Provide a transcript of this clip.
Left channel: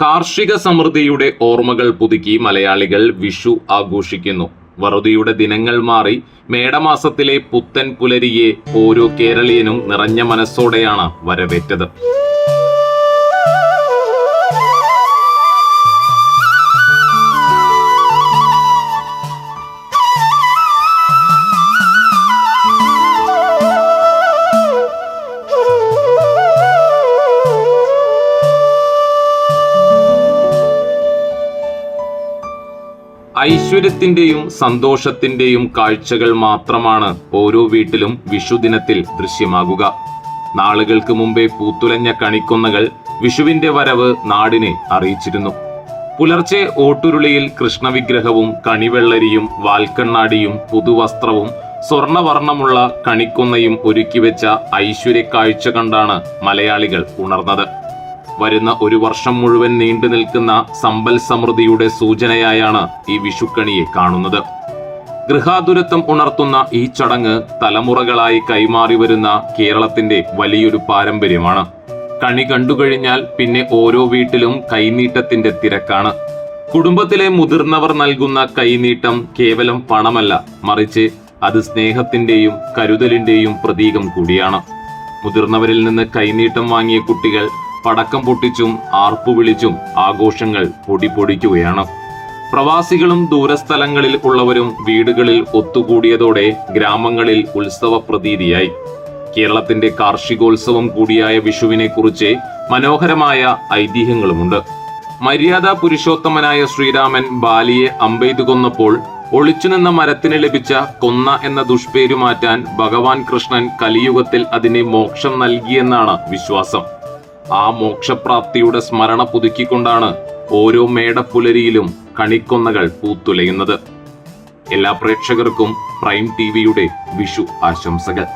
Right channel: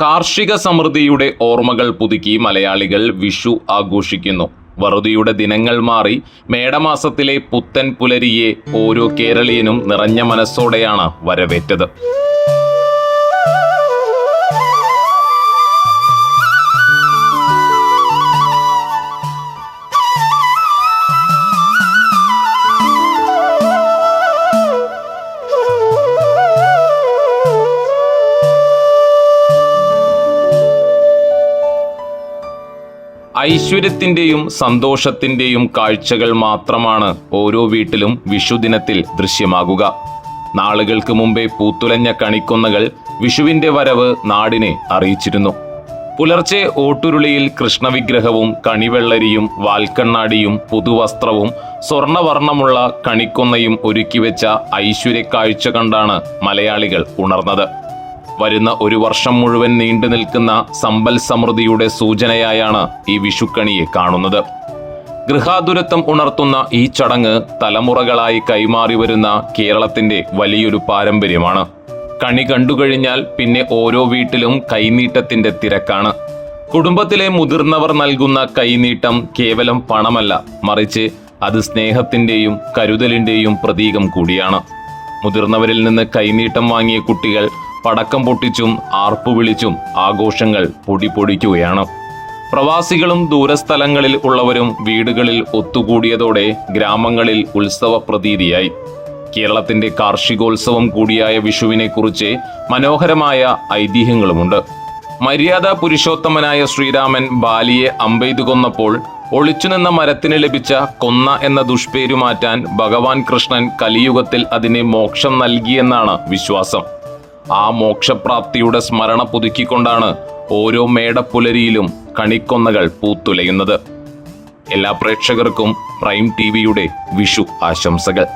കാർഷിക സമൃദ്ധിയുടെ ഓർമ്മകൾ പുതുക്കി മലയാളികൾ വിഷു ആഘോഷിക്കുന്നു. വറുതിയുടെ ദിനങ്ങൾ മാറി മേടമാസത്തിലെ പുത്തൻ പുലരിയെ ഓരോ കേരളീയനും നിറഞ്ഞ മനസ്സോടെയാണ് വരവേറ്റത്. ഐശ്വര്യത്തിന്റെയും സന്തോഷത്തിന്റെയും കാഴ്ചകൾ മാത്രമാണ് ഓരോ വീട്ടിലും വിഷുദിനത്തിൽ ദൃശ്യമാകുക. നാളുകൾക്ക് മുമ്പേ പൂത്തുലഞ്ഞ കണിക്കൊന്നകൾ വിഷുവിന്റെ വരവ് നാടിനെ അറിയിച്ചിരുന്നു. പുലർച്ചെ ഓട്ടുരുളിയിൽ കൃഷ്ണവിഗ്രഹവും കണിവെള്ളരിയും വാൽക്കണ്ണാടിയും പുതുവസ്ത്രവും സ്വർണവർണ്ണമുള്ള കണിക്കൊന്നയും ഒരുക്കിവെച്ച ഐശ്വര്യക്കാഴ്ച കണ്ടാണ് മലയാളികൾ ഉണർന്നത്. വരുന്ന ഒരു വർഷം മുഴുവൻ നീണ്ടു നിൽക്കുന്ന സമ്പൽ സമൃദ്ധിയുടെ സൂചനയായാണ് ഈ വിഷുക്കണിയെ കാണുന്നത്. ഗൃഹാതുരത്വം ഉണർത്തുന്ന ഈ ചടങ്ങ് തലമുറകളായി കൈമാറി വരുന്ന കേരളത്തിന്റെ വലിയൊരു പാരമ്പര്യമാണ്. കണി കണ്ടുകഴിഞ്ഞാൽ പിന്നെ ഓരോ വീട്ടിലും കൈനീട്ടത്തിന്റെ തിരക്കാണ്. കുടുംബത്തിലെ മുതിർന്നവർ നൽകുന്ന കൈനീട്ടം കേവലം പണമല്ല, മറിച്ച് അത് സ്നേഹത്തിന്റെയും കരുതലിന്റെയും പ്രതീകം കൂടിയാണ്. മുതിർന്നവരിൽ നിന്ന് കൈനീട്ടം വാങ്ങിയ കുട്ടികൾ പടക്കം പൊട്ടിച്ചും ആർപ്പു വിളിച്ചും ആഘോഷങ്ങൾ പൊടിപൊടിക്കുകയാണ്. പ്രവാസികളും ദൂരസ്ഥലങ്ങളിൽ ഉള്ളവരും വീടുകളിൽ ഒത്തുകൂടിയതോടെ ഗ്രാമങ്ങളിൽ ഉത്സവ പ്രതീതിയായി. കേരളത്തിന്റെ കാർഷികോത്സവം കൂടിയായ വിഷുവിനെ കുറിച്ച് മനോഹരമായ ഐതിഹ്യങ്ങളുമുണ്ട്. മര്യാദ പുരുഷോത്തമനായ ശ്രീരാമൻ ബാലിയെ അമ്പെയ്തു കൊന്നപ്പോൾ ഒളിച്ചുനിന്ന മരത്തിന് ലഭിച്ച കൊന്ന എന്ന ദുഷ്പേരു മാറ്റാൻ ഭഗവാൻ കൃഷ്ണൻ കലിയുഗത്തിൽ അതിനെ മോക്ഷം നൽകിയെന്നാണ് വിശ്വാസം. ആ മോക്ഷപ്രാപ്തിയുടെ സ്മരണ പുതുക്കിക്കൊണ്ടാണ് ഓരോ മേടപ്പുലരിയിലും കണിക്കൊന്നകൾ പൂത്തുലയുന്നത്. എല്ലാ പ്രേക്ഷകർക്കും പ്രൈം ടിവിയുടെ വിഷു ആശംസകൾ.